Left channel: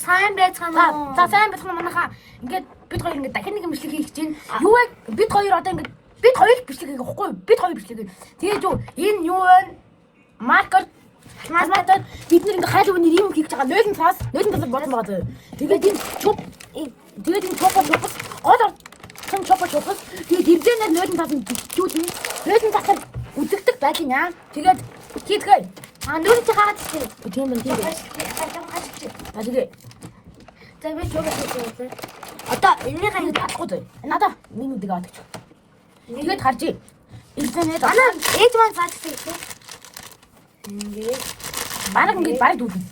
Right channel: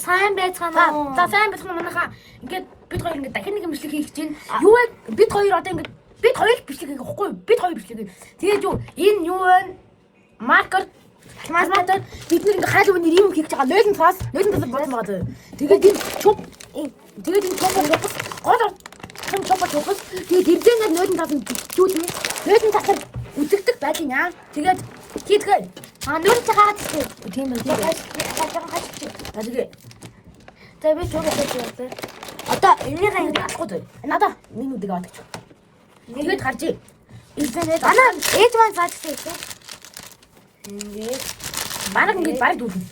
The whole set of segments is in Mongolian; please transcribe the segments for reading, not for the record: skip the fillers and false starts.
Сайн байцгаана уу? За сайн байцгаана манайхаа. Ингээд бид хоёр ингээд дахин нэг юм бичлэг хийх чинь. Юу вэ? Бид хоёр одоо ингээд бид хоёр бичлэг хийх гэхгүй юу? Бид хоёр бичлэг. Тэгээд юу энэ юу вэ? Маркер Масматад бид нэг ингээд хайл өнөр юм хийх гэж байгаа. 0 болсон байгаа. Тэгээд энэ чуп гол сон чуп тэгээд ирдэнээр 0 бичүүлнэ. 0 тасар үзэгдэх байдгийн яа. Тэгээд хийдгээ. Нүрт хаачих. Тийм байх. Тэгээд За би ч бодож байна. одоо энийг хаяад алахгүй дээ. Надаа минутыг аваач. Тэгээд харж ий. Интернет Анаа ээж маань заачтай тийм. Ингээд бараг дүүрэн.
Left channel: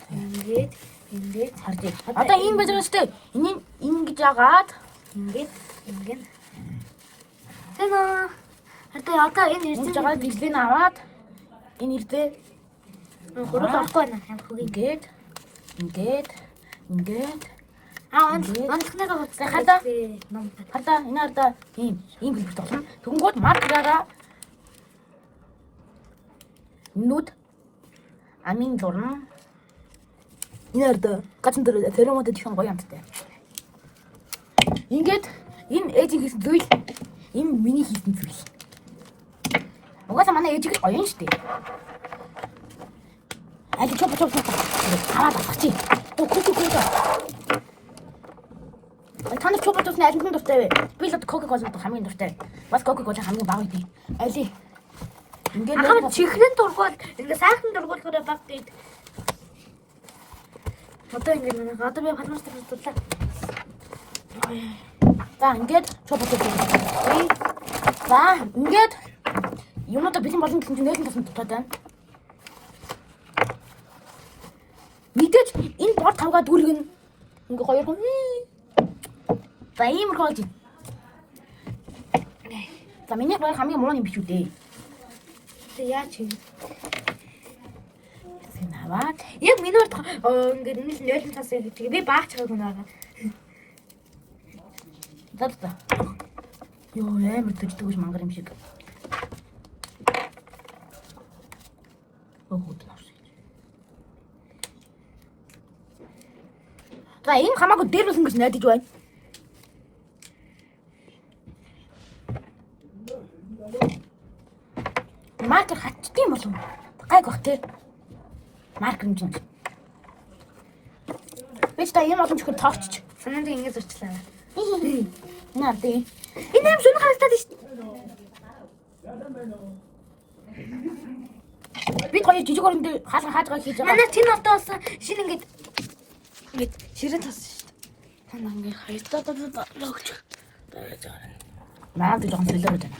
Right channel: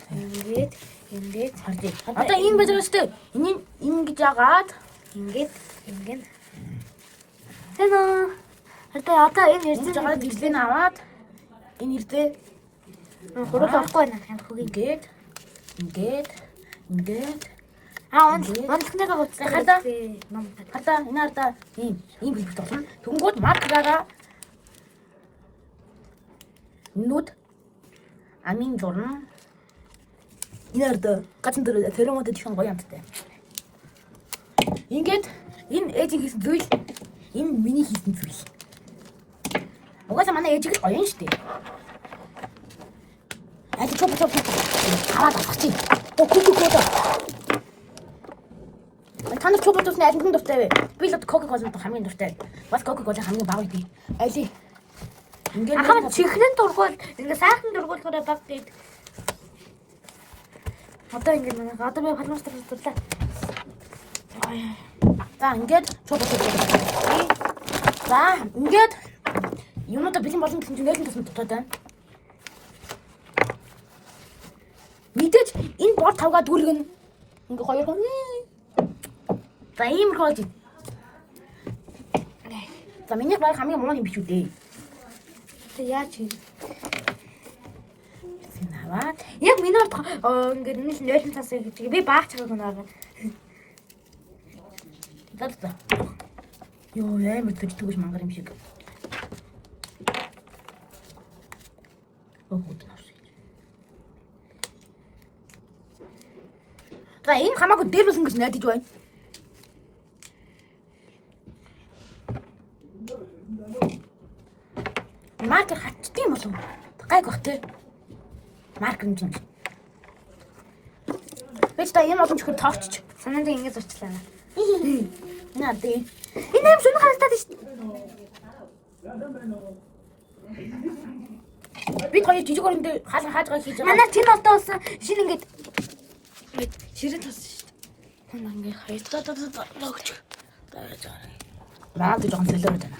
ингээд Харж ий. Одоо энэ байж байгаа шүү дээ. Энийг ингэж яагаад ингээд. Hello. Одоо энэ ингэж яагаад ирдээ аваад энэ ирдээ гурав авахгүй байна. ингээд Манхнага хардаа энэ хардаа ийм хэлбэрт болно. Тэнгүүд маркераараа нүд амин зурна. Энэ хардаа гацхан дээр церемонид их гоё амттай. Ингээд энэ ээжийн хийсэн зүйл, энэ миний хийсэн зүйл. Угаасаа манай ээж их гоё юм шүү дээ. Айл чоп аваад авах чи. Кока-кола. Танай чоп тусна алин дуртай вэ? Би л Coca-Cola хамгийн дуртай. Бас Coca-Cola хамгийн баг үгүй. Айли. Ингээд ахын чихрэн дургуул ингээд сайхан дургуулгаараа бавдээ. Одоо ингээд манай одоо би фармастер хэллээ. за ингээд чоп. За ингээд юмудаа бэлэн болон гэсэн чинь нэлээд тасна дутаад байна. Мэдээж энэ бор тавгаа дүүргэн ингээ хоёр хон. За ийм хооч. За миний баг хамгийн муу юм биш үү дээ. Яач юм. Синаваад Яг миний урд ингээд энэ 0 тасаа гэдэг. Би баач чагааг наагаа. за. Йоо амар зүгтгүүш мангар юм шиг. За энэ хамаагүй дээрүүлсэн гэж найдаж байна. Маркер хатдсан болов. Гайг бах те. Маркер юм. Бич та юм олон чихэр тоогч. Санаанд ингэж зурчлаа. Наа тий. Энэ юм сүнэ харагдаад шүү. Би хоёр жижиг өрөндөө хаалга хаажгаа хийж байгаа. Манай чинь одоо болсон шинэ ингээд ширээ тассан шүү. Танаа ингээд хайрлаа логч. Наад жоохон солиороо байна.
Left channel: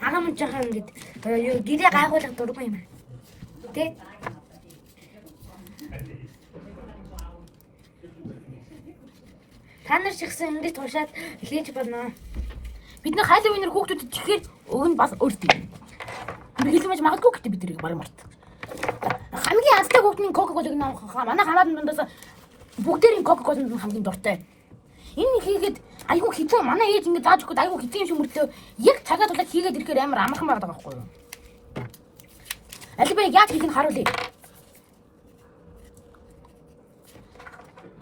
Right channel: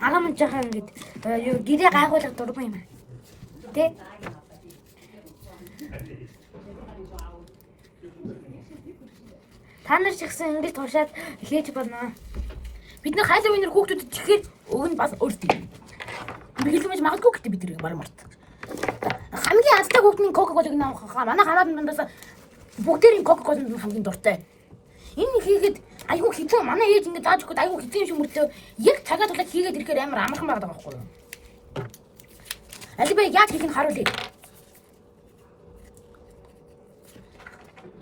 Агам жахан ингээд юу гэрээ гайгуулах дургүй юм. Тэ? Та нар ч ихсэн ингэж туушаад хийж болно. Бид нэг хайлаа өнөр хүүхдүүдэд чихээр өг нь бас өөртөө. Би хэлмэж магадгүй гэдэг бид тэрийг баг март. Хамгийн азтай хүүхдийн Coca-Cola-г наахаа манай хамаад дундаас бүгдээрийн Coca-Cola хамгийн дуртай. Энэ хийгээд айгүй хэцүү манай ээж ингэ зааж өгөхөд айгүй хэцүү юм шиг мөртлөө яг цагаа тулаад хийгээд ирэхээр амар амархан байгаа байхгүй юу? Алибаа яаж хийх нь харуулъя.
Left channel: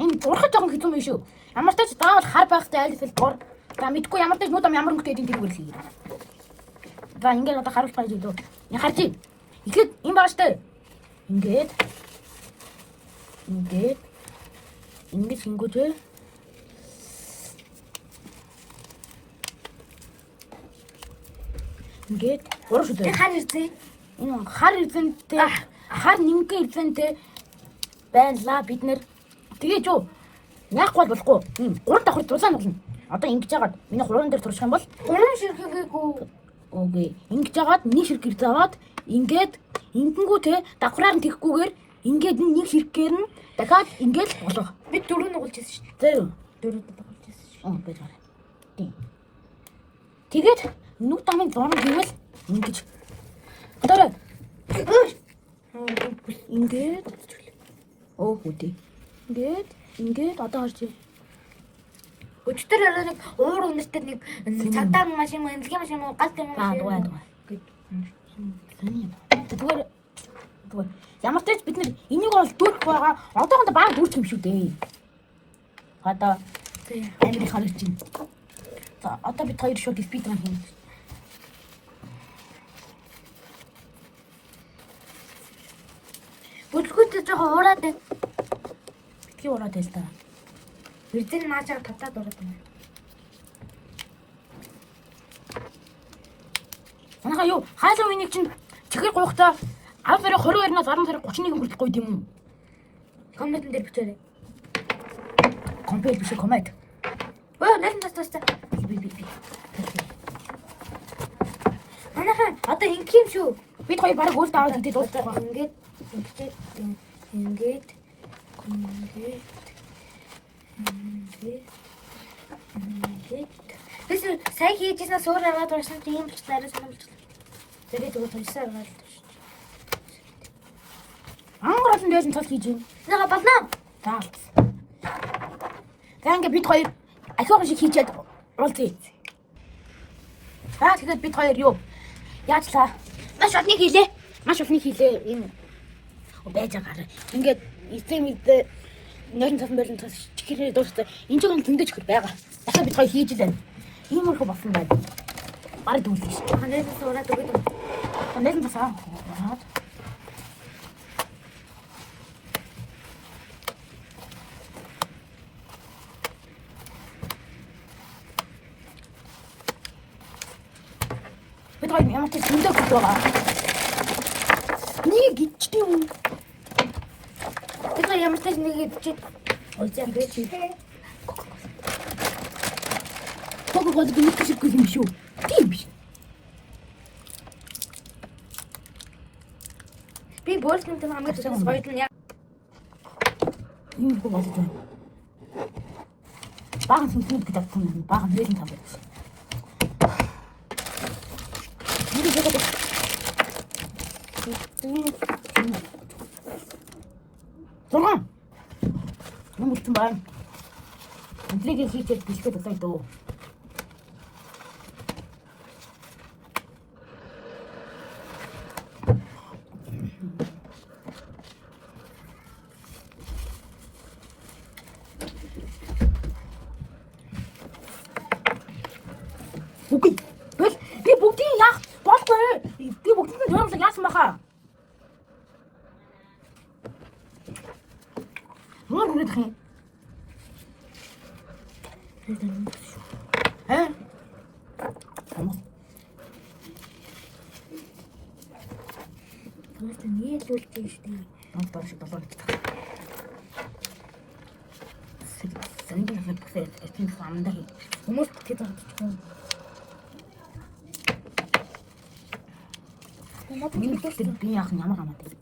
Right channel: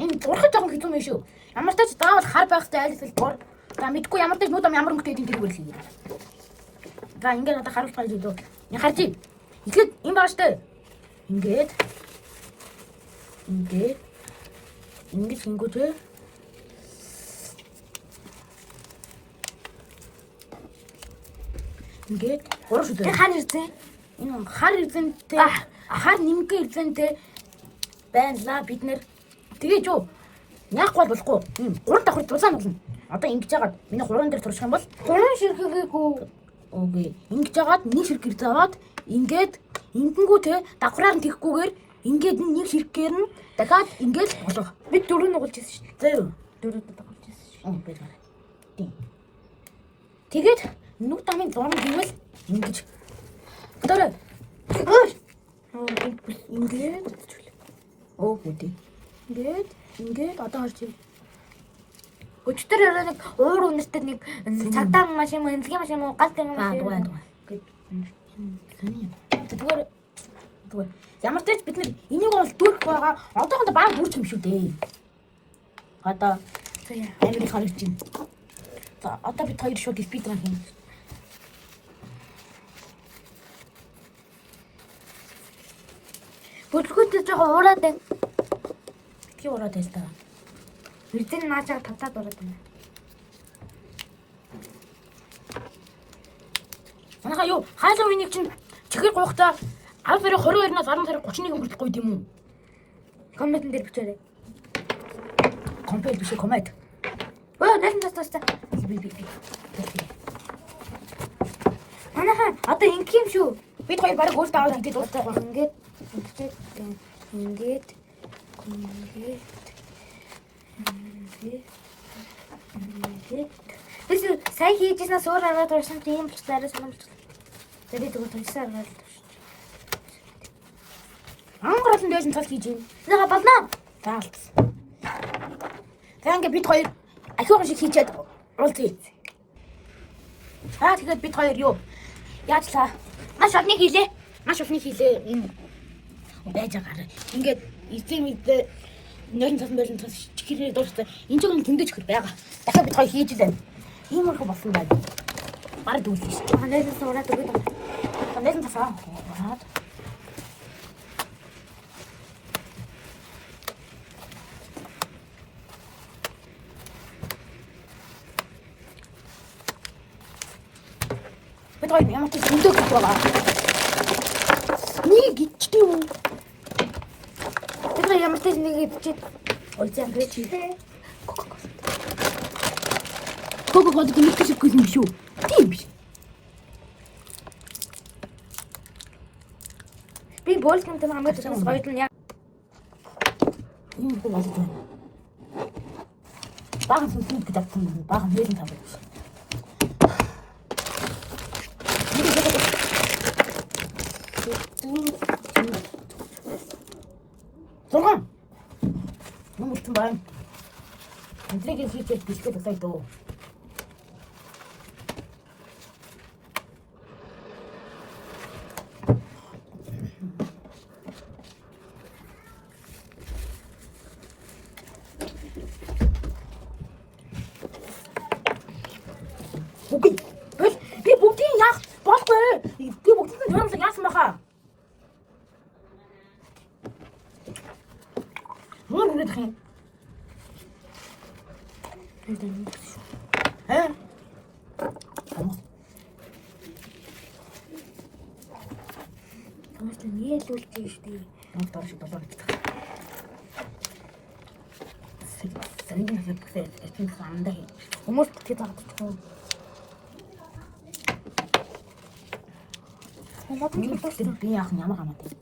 Энэ зурхад жоохон хэцүү юм шүү. Ямар ч тач заавал хар байхтай айлфэл дур. За мэдгүй ямар ч тач нүд ямар өнгөтэй эдийн тэрүүгээр хийе. За ингээд одоо харуулж байгаа зүйл үү? Я харж ий. Ихэд юм байгаа штэ. Ингээд хингүүтэй. Ингээд гурав шүү дээ. Хар ирсэн. Энэ хар ирсэнтэй хар нэмгэн ирсэнтэй байлаа бид нэр. Тэгээ юу? Яахгүй болохгүй. Гурав давхар тулаан болно. Одоо ингэж яагаад миний гурван дээр турших юм бол Гурван ширхгээгүй. окей. Ингэж яагаад нэг ширхгэр заваад ингээд ингэнгүү те давхраар нь тэхгүйгээр ингээд нэг ширхгээр нь дахиад ингээд болох. Би дөрөв нугалж ирсэн шүү. Зөө. Дөрөв нугалж ирсэн шүү. Бэлгаарай. Тийм. Тэгээд нүд амын зураг хийвэл ингэж. Одоо ингээд үгүй. Ингээд одоо харж байна. Өчтөр нэг уур үнэртэй нэг цагдаа машин мөн эмзгийн машин мөн галт юм дугай. Зүгээр Ямар ч тач бид нар энийг бол дүүрэх байгаа. Одоохондоо баг дүүрч юм шүү дээ. Одоо амир харагч юм. За одоо бид хоёр шууд спидран хийнэ. Бүлгүүтэй жоохон уураад байна. Битгий ураад байл та. Бэрзэн наачаар татаад ураад байна. Манайха юу хаалаа үнийг чинь чихэр гоохтой 10 сарын 22-наас 10 сарын 31-нд хүртэл гоё юм уу? Комментэн дээр бичээрэй. Комплект биш коммент. Найсан тас. Би. Манайхан одоо ингэх юм шүү. Бид хоёр бараг өөртөө аваад ингээд дуусах байх. Ингээд. Тэс сая хийжсэн суур аваад урсан тийм л цаараа санамж. Тэгээд зүгээр томсоор аваад. Ангаралсан дээсэн цол хийж юм. Наа болно. Заалт. Танга бид хоёр ахиухан шиг хийчихэд уулзъя. Тэгээд бид хоёр юу? Яачлаа. Маш олныг хийлээ. Маш улны хийлээ. Энэ байж байгаа. Ингээд эцэг мэдээ нойрон цасан чихэрээ дуустай. Энэ ч юм зөндөөч хөр байгаа. Дахиад бид хоёр хийж лээ. Иймэрхүү болсон байна. Бараг дүүлж шүү. Найсан суураад өгöd. Найсан тасаа. Бид хоёр ямар ч зөндөө гэж байгаа. Нэг гिचтэй юм. Бид ямар ч нэг бичиж ойцсан бэ чи. Кого гинэ шиг юм шүү. Тийм биш. Би боолсмонт хамаагүй гоё юм яа. Ийм хөө болж байна. Баган сүнслүүд гэдэг юм. Баган нэрэн тав байх. Зурган. Юм утсан байна. Инглигээ хийчихэл бэлдээд басаа дөө. Үгүй. Би бүгдийг яах болохгүй. Би бүгдийг зурмсаг яасан баха. Мөн үргэлж хин. Тамаас нийлүүлж штий. Онтор шиг болоо гэж таа. Сэнгийн хэвчээ эцэг самдаа хий. Хүмүүс тэт тагчихгүй. Би яах юм ямар хамаатай.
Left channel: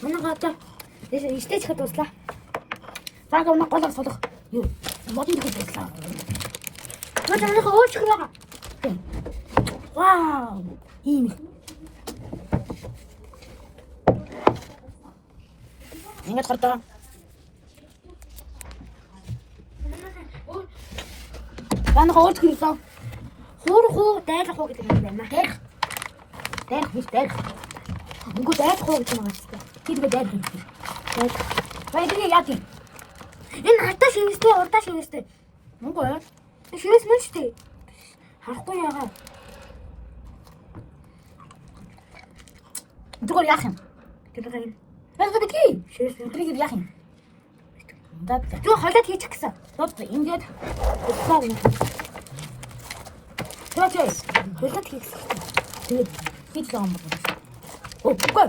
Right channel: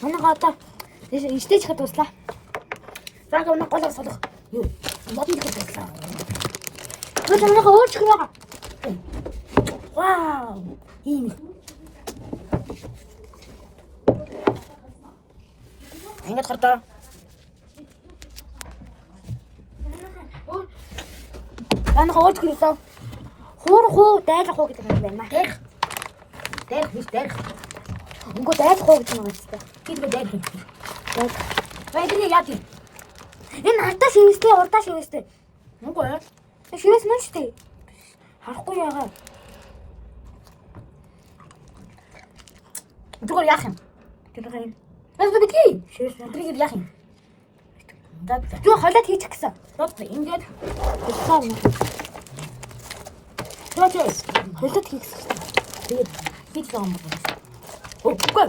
Манайха одоо стейж хэд дуслаа. Зааг өнө голоо солих. Юу? Модон дэхэд дуслаа. Бид манайха өөрчлөх байгаа. Вау! Ийм. Ингээд хардаа. Манайха өөрчлөх гэсэн. Хуурах уу, дайлах уу гэдэг юм байна. Дайрах биш дайрах. Үгүй дайлах уу гэж байгаа юм байна. Хийдгээ дайрах. Дайлах. Баядрыг яа тийм. Энэ ардаа шивэстэй, урдаа шивэстэй. Үгүй ээ. Шивэс мөн штий. Харахгүй яагаад. Зүгээр яах юм? Тэгээд юм. Бас битгий. Шивэс Баядрыг яах юм? Дад. Юу холиод хийчих гэсэн. Дад ингээд Бэлтээ юм. Тэвчээ. Холиод хийх гэсэн. Тэгээд хийх юм байна. Оо, үгүй.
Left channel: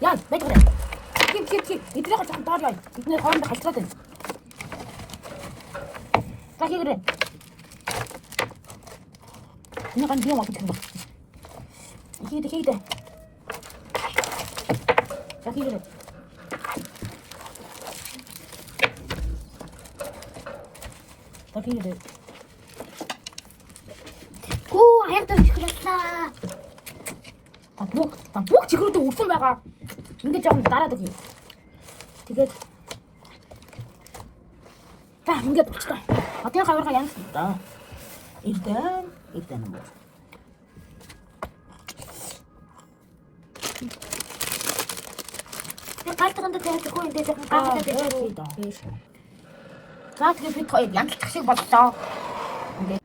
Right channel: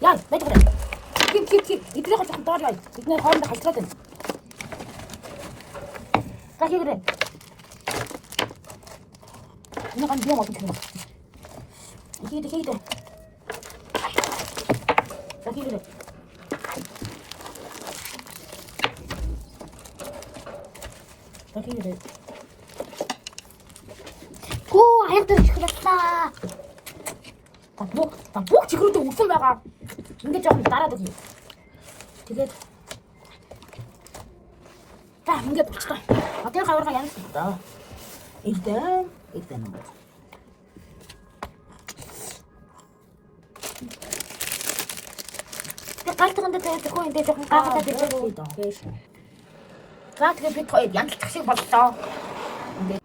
Яа, баядрыг. Хин. Идрийг жоохон доор яа. Бидний хоорондоо халтраад байна. Гахигрэ. Энэ ган биом авах юм байна. Хийдэ. За хийгээрэй. Тэгээрэй. Гүү хайртай чихлээ. Та бүх чихрүүдээ өрсөн байгаа. Ингээд жоохон дараад өгье. Тэгээд та ингээд болчихлоо. Атын хаварга ямар ч даа. Игдэн юм уу? Галтгонд тэрхүү энэ жоохон гаагаад ирсэн даа. За тэгээд бид хоёр янзлах шиг боллоо. Ингээд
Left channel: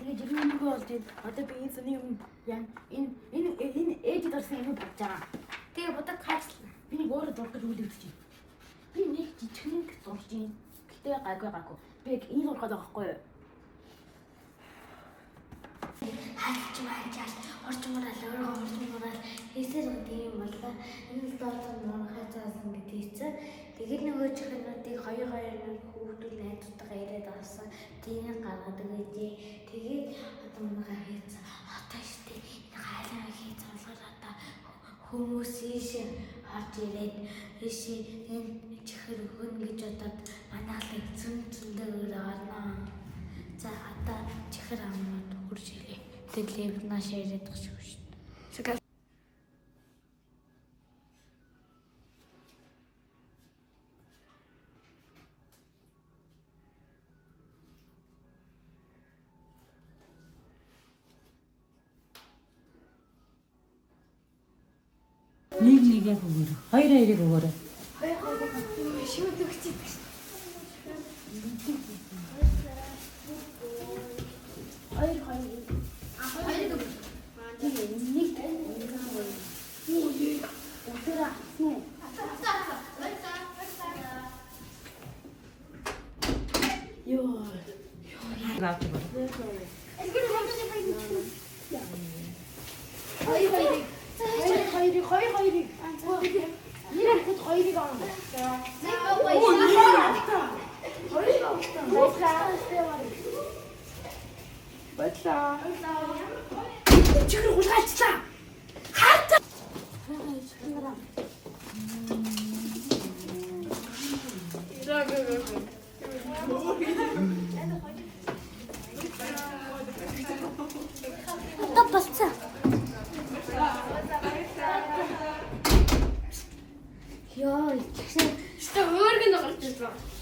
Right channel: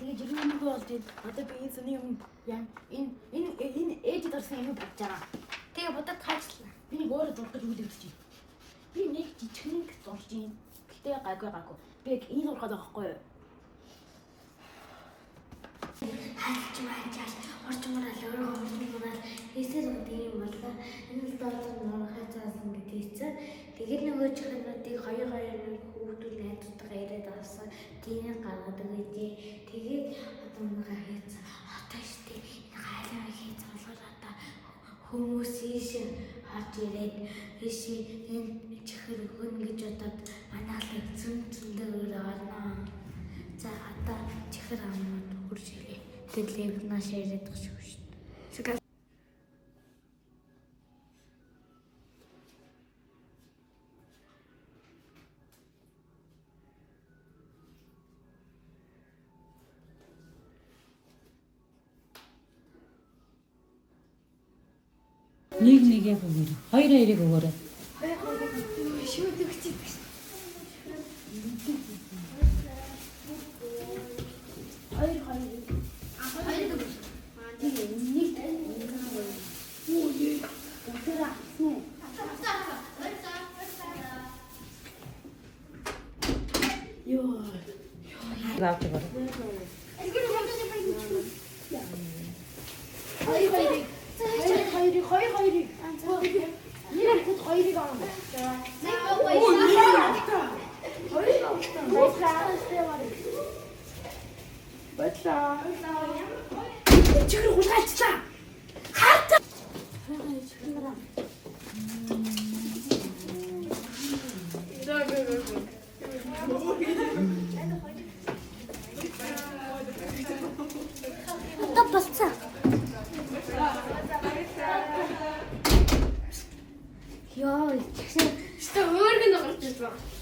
тэгээ жирийн юм болж одоо би энэ сони юм яа энэ ээж дөрсөн юм болж байгаа. Тэгээ бодод хайрлаа. Би нэг өөрөө зурх гэж үлдээвч. Би нэг жижигхэн зурж юм. Гэтэ гайгүй. Би яг энэ зурхаад байгаа байхгүй юу? Хаач орчмороо хийсэл гэдэг юм болоо. Энэ болон нуурахаа заасан гэдээсээ тэгээд нөгөө чихнүүдийг хоёр хүүхдүүд найзтайгаа яриад авсан. Тийм гаргаад өгөөдөө. Тэгээд одоо манай хийсэн хатаа штэ. Хайлаа хийсэн болгоод хүмүүс ийш хат ирээд ийш энэ чихэр өгөн гэж бодоод манайхыг зөндөө орно. За одоо чихэр амууд хурж ирээ. Тэгээд нааш яриад байгаа шүү. Нэг яг өгөөрэй. Хоёрыг өгөөрэй. Шүү дэгчээ. Гавч bara. Болцоо. Ёо, чи өөргөн гарч ирсэн.